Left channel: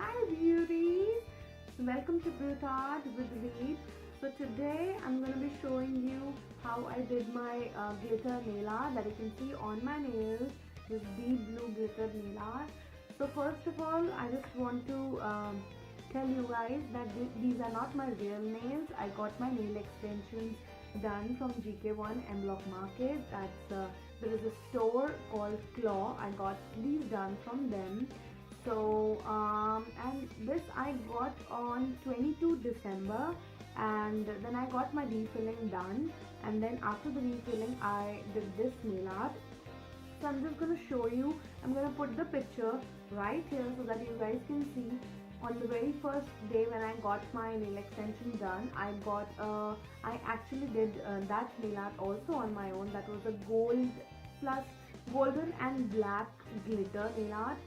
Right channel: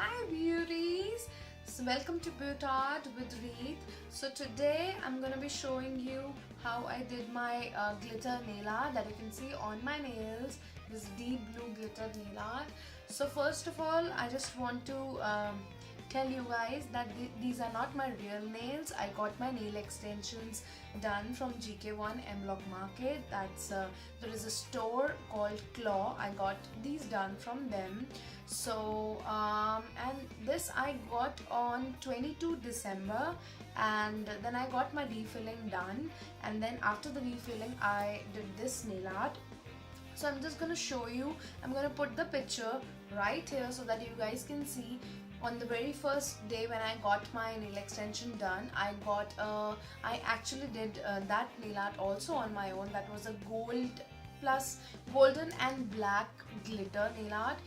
Hi beauties! So welcome to Beauty Art with Reet. So today I'm going to be showing you how I did my glitter nail art that you can see on my nails. This deep blue glitter nail art. So first of all I just want to tell you guys that these are not my real nails. I got my nail extensions done from GK1 M Block Market. There is a store called Claw. I got these done from them. So and this I got on 22 December, and then I got my refilling done, and then after the refilling I did this nail art. So I'm just gonna show you. I'm gonna put the picture right here so that you guys can see. On the very first day when I got my nail extension done, I actually did that nail art also on my own. That was a gold plus golden and black glitter nail art.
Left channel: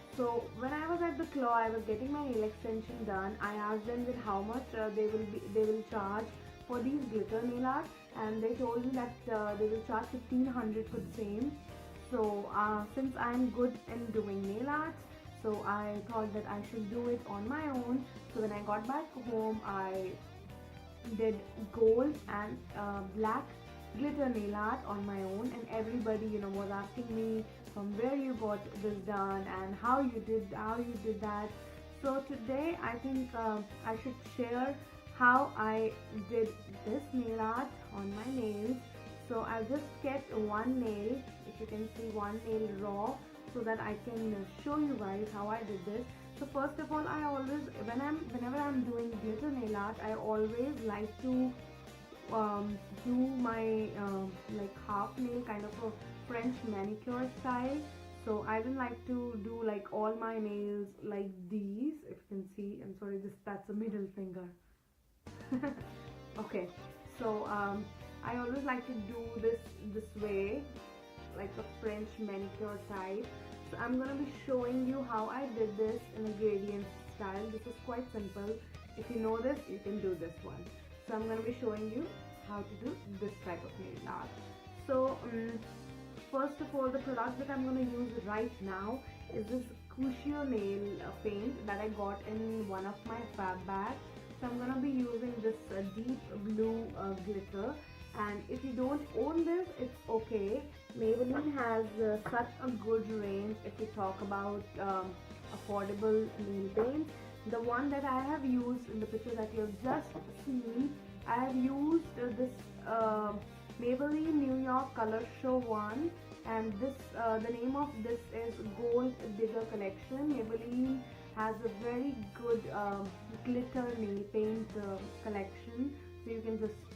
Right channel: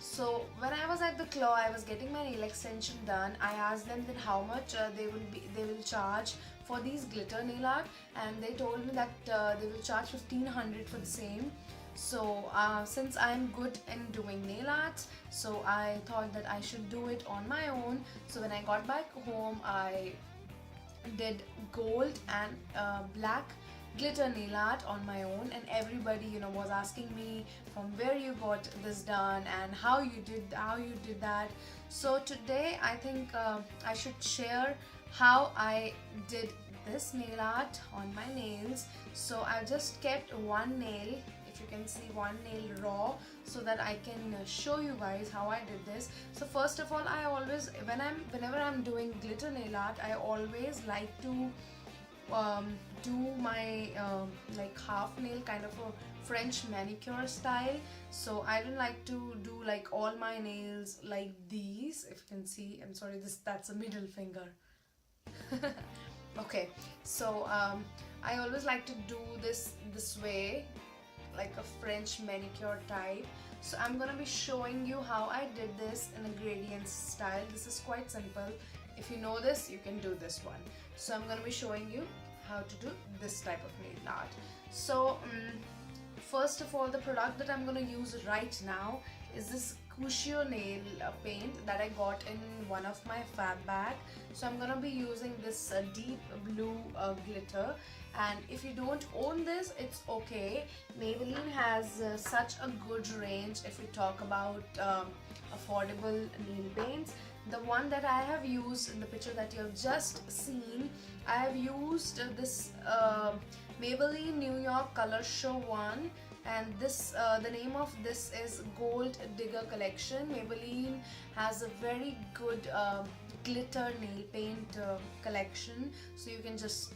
So when I was at the Claw, I was getting my nail extension done. I asked them that how much they will charge for these glitter nail art, and they told me that they will charge 1500 for the same. So since I'm good in doing nail arts, so I thought that I should do it on my own. So when I got back home, I did gold and black glitter nail art on my own, and everybody was asking me from where you got this done and how you did that. So today I think I should share how I did this nail art on my nails. So I just kept one nail, if you can see, one nail raw, so that I can show you guys how I did this. So first of all, I always whenever I'm doing glitter nail art, I always like to do my like half nail, kind of a French manicure style. So I don't like to do like all my nails like these. If you can see, I'm sorry, that's a middle finger. Okay, so I always like to do this way, like a French manicure type. So I'm gonna be showing you how I did this in a gradient style. This is quite simple. If you know this, you can do this one. So I'm gonna be showing you how to do this type of nail art. So first of all, the product that I'm gonna use right now is this Cuscio nail paint that I got in one of my fab bag. So I'm gonna be using this deep blue glitter, and if you don't own this, it's okay. Maybelline has such a good range if you talk about affordable nail paints. The one that I have used in the picture that you've just seen, I have used this Maybelline New York Color Show one, and this the name of this is Gold Digger Collection. Maybelline has a very good glitter nail paint collection, so you can just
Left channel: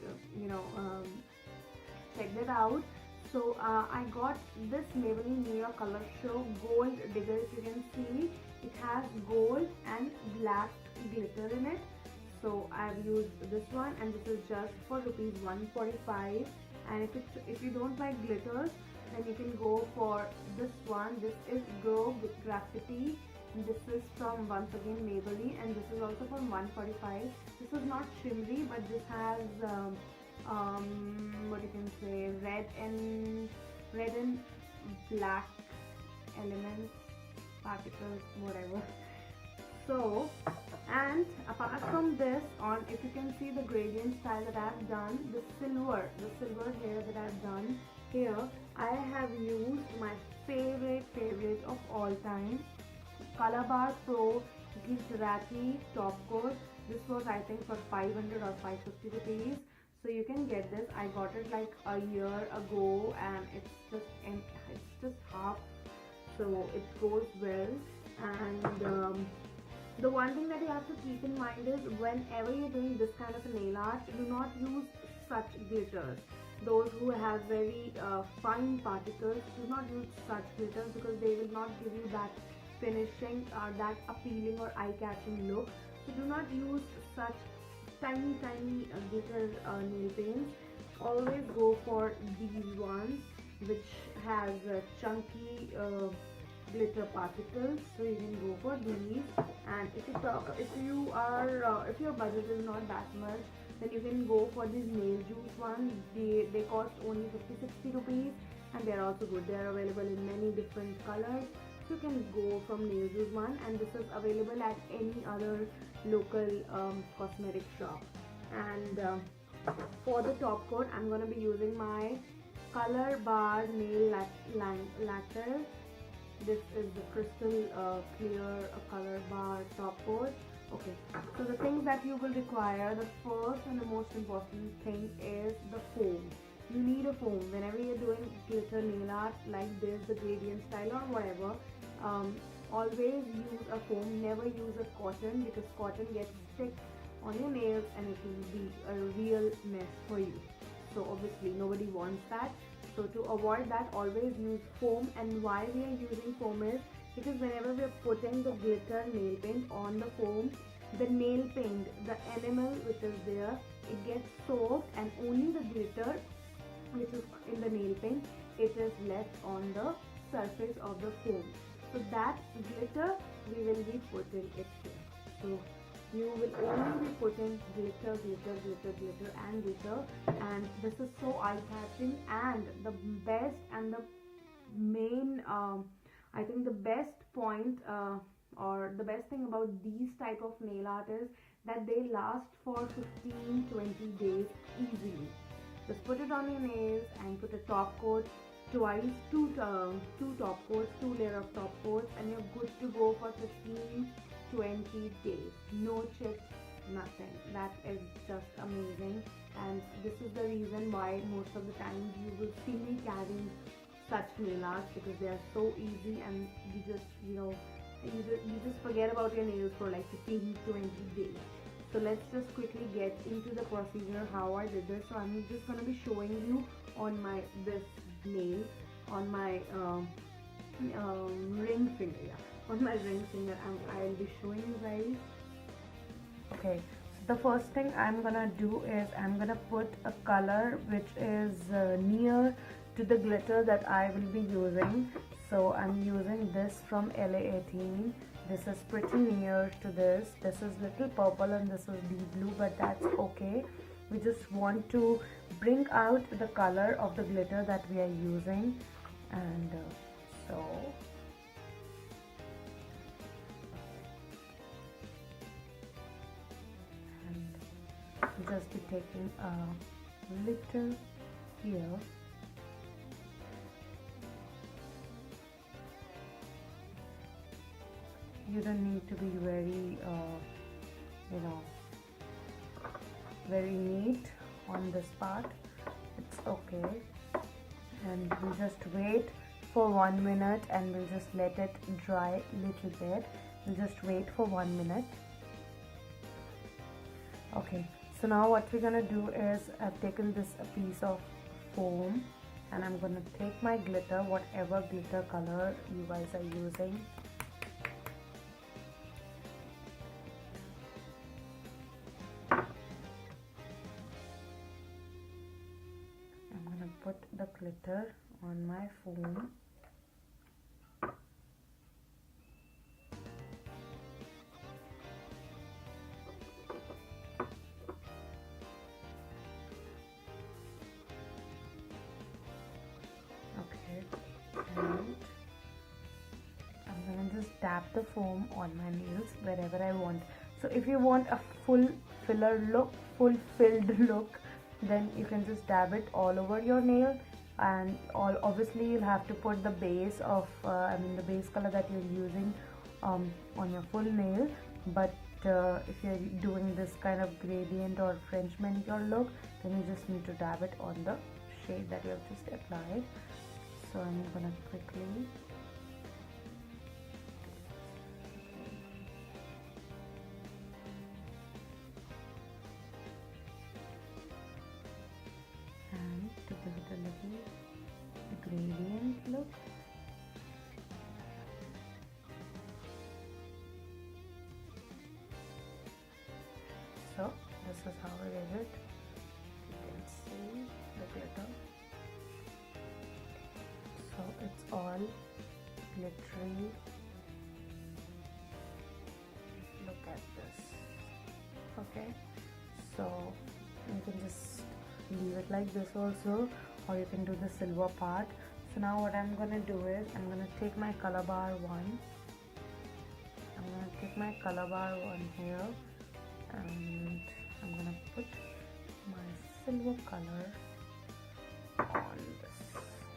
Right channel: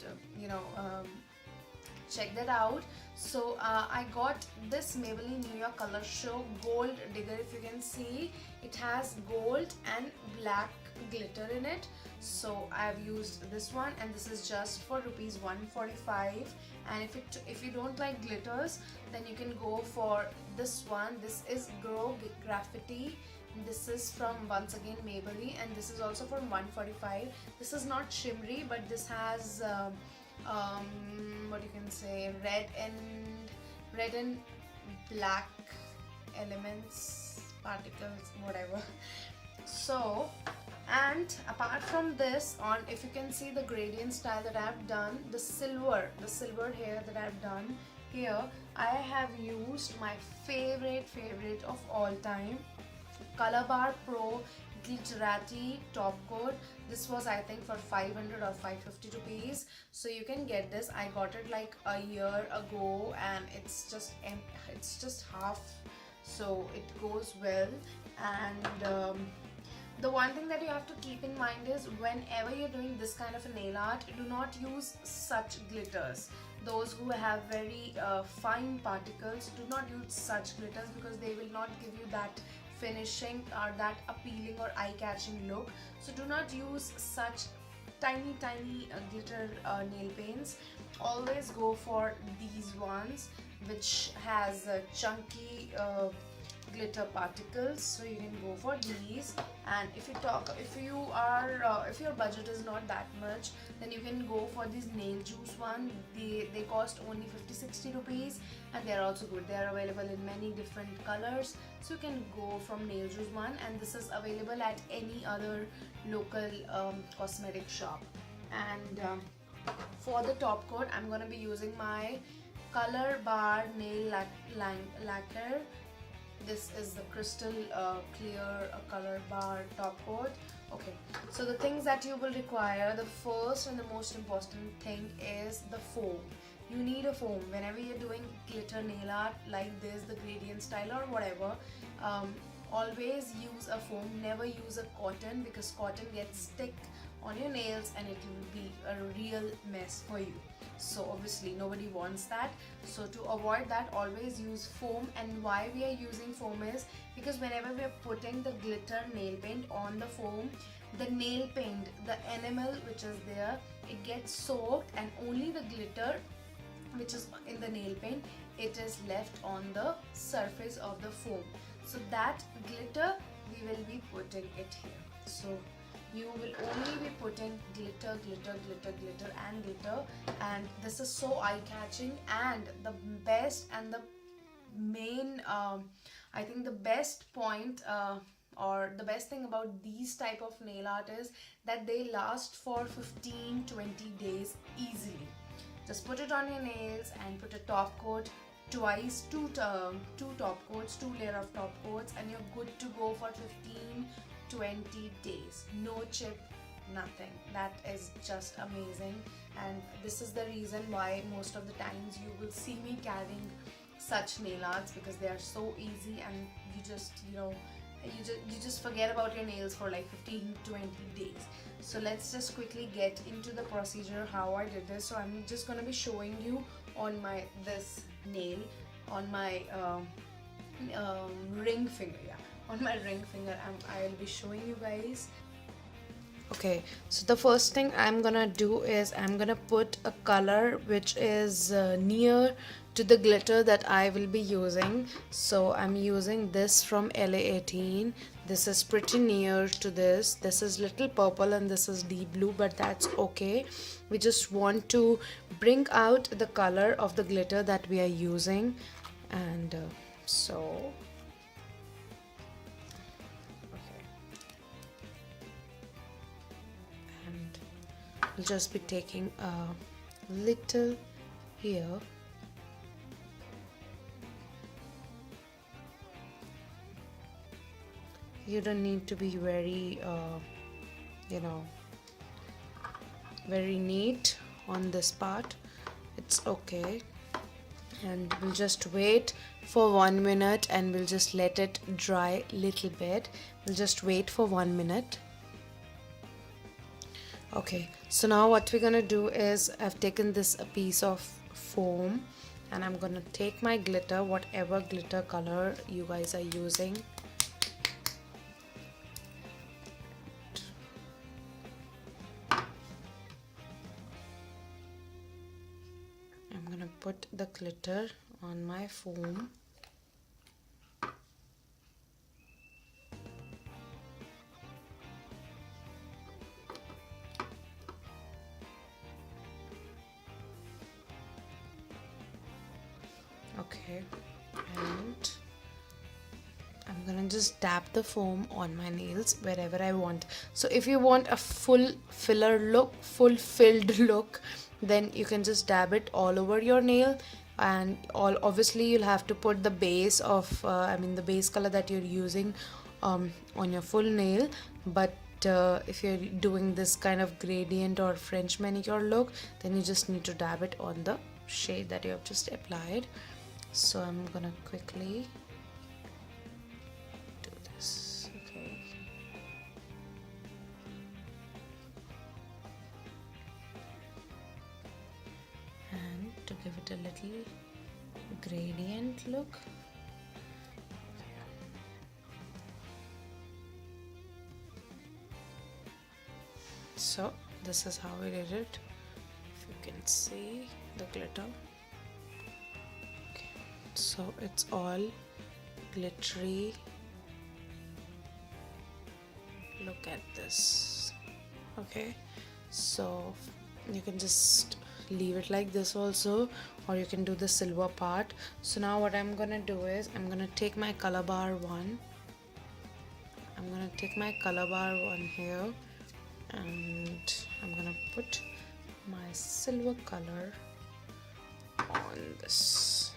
check that out. So I got this Maybelline New York Color Show Gold Digger. If you can see, it has gold and black glitter in it. So I've used this one, and this is just for rupees 145. And if you don't like glitters, then you can go for this one. This is Grow Graffiti, and this is from, once again, Maybelline, and this is also from 145. This is not shimmery, but this has what you can say, red and black elements, particles, whatever. So, and apart from this, on, if you can see the gradient style that I have done, the silver hair that I have done here, I have used my favorite of all time, Colorbar Pro Glitterati Top Coat. This was, I think, for 500 or 550 rupees. So you can get this. I got it like a year ago, and it's just half, so it goes well. And the one thing that you have to keep in mind is, whenever you're doing this kind of a nail art, do not use such glitters. Those who have very fine particles, do not use such glitters, because they will not give you that finishing or that appealing or eye-catching look. So do not use such tiny glitter nail paints. Always go for these ones which has chunky glitter particles. So you can go for these. And if your budget is not that much, then you can go for these nail juice one. They cost only 50-60 rupees, and they're also good. They are available in many different colors, so you can go from Nail Juice one, and this is available at any other local cosmetic shop. And for the top coat, I'm gonna be using my Color Bar Nail Lacquer. This is the crystal clear color bar top coat. Okay, so the things that you will require, the first and the most important thing is the foam. You need a foam whenever you're doing glitter nail art like this, the gradient style or whatever. Always use a foam, never use a cotton, because cotton gets stick on your nails and it will be a real mess for you. So obviously nobody wants that. So to avoid that, always use foam. And why we are using foam is because whenever we are putting the glitter nail paint on the foam, the nail paint, the enamel which is there, it gets soaked, and only the glitter which is in the nail paint, it is left on the surface of the foam. So that glitter we will be putting it here. So you will only be putting glitter, glitter, glitter, glitter and glitter, and this is so eye-catching. And the best and the main I think the best point or the best thing about these type of nail art is that they last for 15-20 days easily. Just put it on your nails and put a top coat twice, two top coats, 2 layer of top coats, and you're good to go for 15-20 days. No chip, nothing. That is just amazing, and this is the reason why most of the times you will see me carrying such nail arts, because they are so easy, and you just you just forget about your nails for like 15-20 days. So let's just quickly get into the procedure how I did this. So I'm just going to be showing you on my this nail on my ring finger, on my ring finger, and I will be showing you guys. Okay, so the first thing I'm gonna do is I'm gonna put a color which is near to the glitter that I will be using. So I'm using this from LA18. This is pretty near to this. This is little purple and this is deep blue, but that's okay. We just want to bring out the color of the glitter that we are using, and so I'll just be taking a little here. You don't need to be very very neat on this part. It's okay, and we'll just wait for 1 minute and we'll just let it dry a little bit. We'll just wait for 1 minute. Okay, so now what we're gonna do is I've taken this a piece of foam, and I'm gonna take my glitter, whatever glitter color you guys are using. I'm gonna put the glitter on my foam. And I'm gonna just dab the foam on my nails wherever I want. So if you want a full filled look, then you can just dab it all over your nail, and obviously you'll have to put the base of the base color that you're using on your full nail. But if you're doing this kind of gradient or French manicure look, then you just need to dab it on the shade that you have just applied. So I'm gonna quickly do this. Okay. And to give it a little gradient look, so this is how I did it. If you can see the glitter. So it's all glittery. Look at this. Okay, so you can just leave it like this also, or you can do the silver part. So now what I'm gonna do is I'm gonna take my color bar one. I'm gonna take my color bar one here, and I'm gonna put my silver color on this.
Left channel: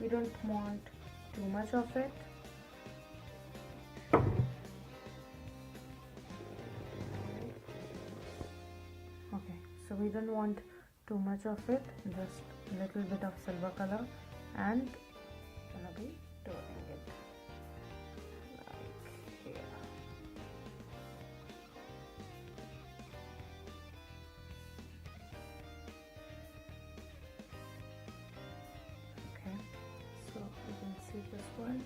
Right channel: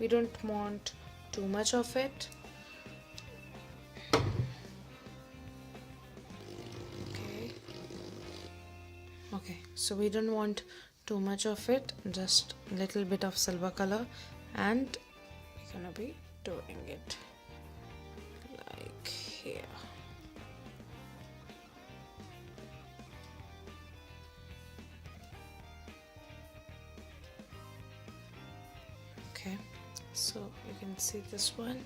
We don't want too much of it. Okay, so we don't want too much of it, just a little bit of silver color, and we're gonna be doing it like here. Okay, so you can see this one.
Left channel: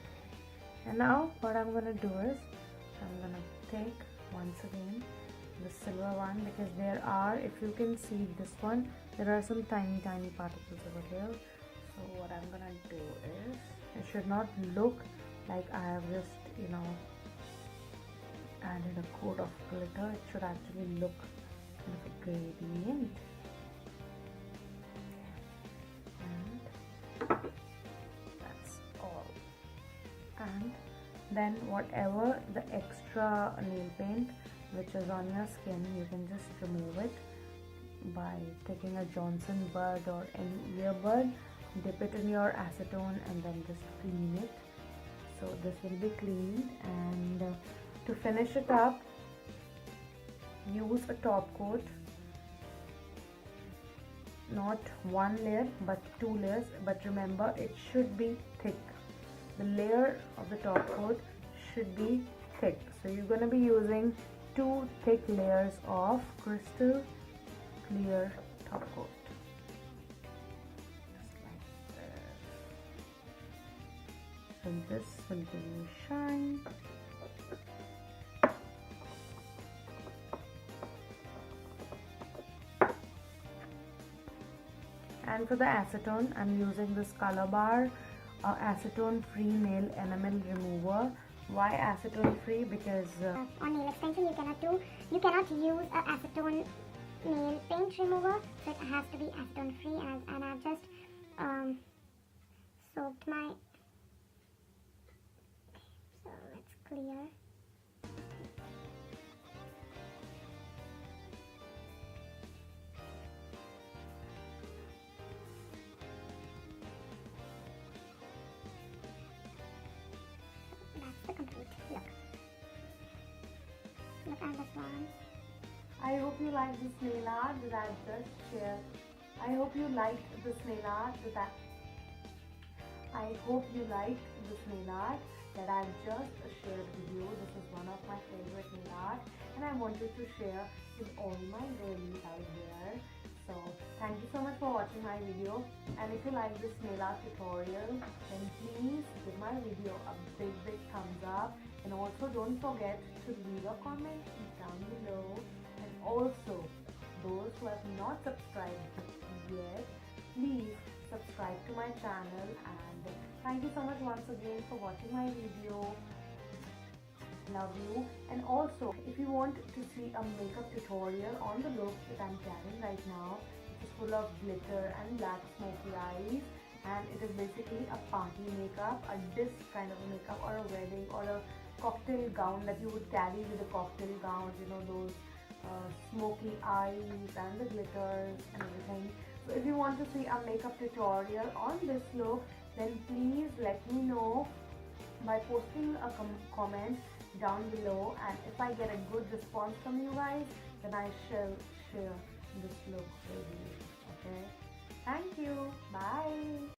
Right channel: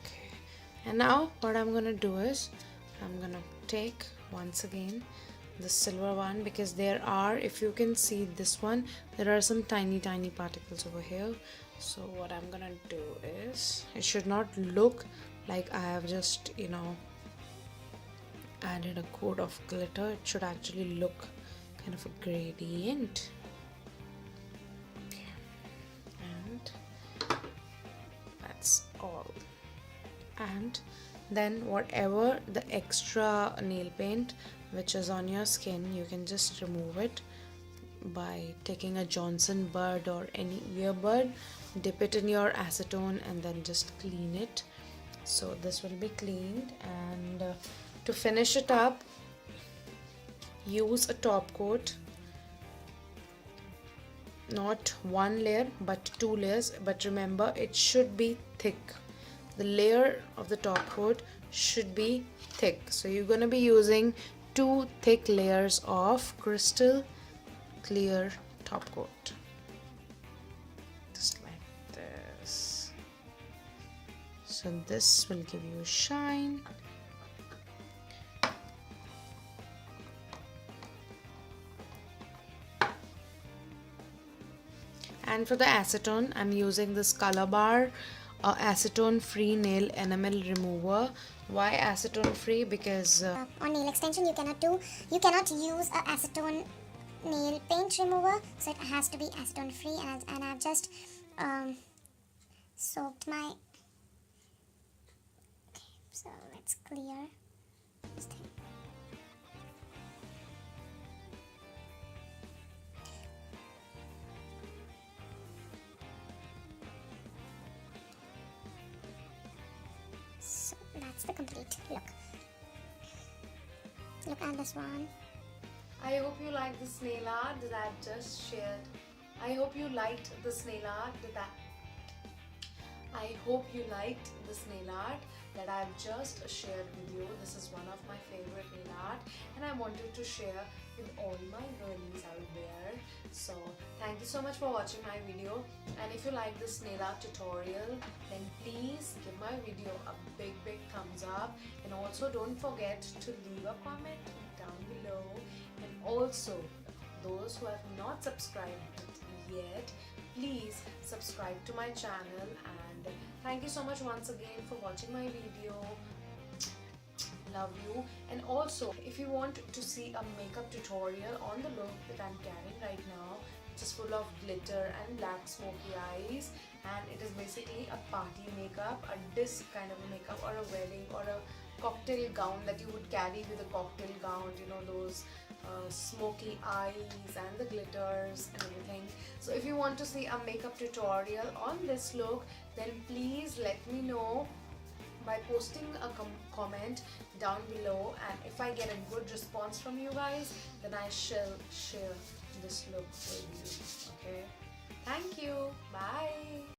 Okay, and now what I'm gonna do is I'm gonna take once again the silver one, because there are, if you can see this one, there are some tiny particles over here. So what I'm gonna do is, it should not look like I have just, you know, added a coat of glitter. It should actually look kind of a gradient. And that's all. And then whatever the extra nail paint which is on your skin, you can just remove it by taking a Johnson bud or any earbud, dip it in your acetone and then just clean it. So this will be cleaned, and to finish it up, use a top coat, not one layer but 2 layers, but remember it should be thick. The layer of the top coat should be thick, so you're going to be using 2 thick layers of crystal clear top coat, just like this. So this will give you a shine. And for the acetone, I'm using this Color Bar acetone free nail enamel remover. Why acetone free? Because on nail extension you cannot use a acetone nail paint remover, so it has to be acetone free. And I've just soaked my, okay, so let's clear this thing. So that's the complete look. Look at this one. I hope you liked this nail art that I've just shared. I hope you liked this nail art that I've just shared with you. This is one of my favorite nail art, and I wanted to share with all my girlies out there. So thank you so much for watching my video, and if you like this nail art tutorial, then please give my video a big thumbs up, and also don't forget to leave a comment down below. And also, those who have not subscribed yet, please subscribe to my channel. And thank you so much once again for watching my video. Love you. And also, if you want to see a makeup tutorial on the look that I'm carrying right now, which is full of glitter and black smoky eyes, and it is basically a party makeup, a disc kind of a makeup, or a wedding, or a cocktail gown that you would carry with a cocktail gown, you know, those smoky eyes and the glitters and everything. So if you want to see a makeup tutorial on this look, then please let me know by posting a comment down below, and if I get a good response from you guys, then I shall share this look with you. Okay, thank you, bye.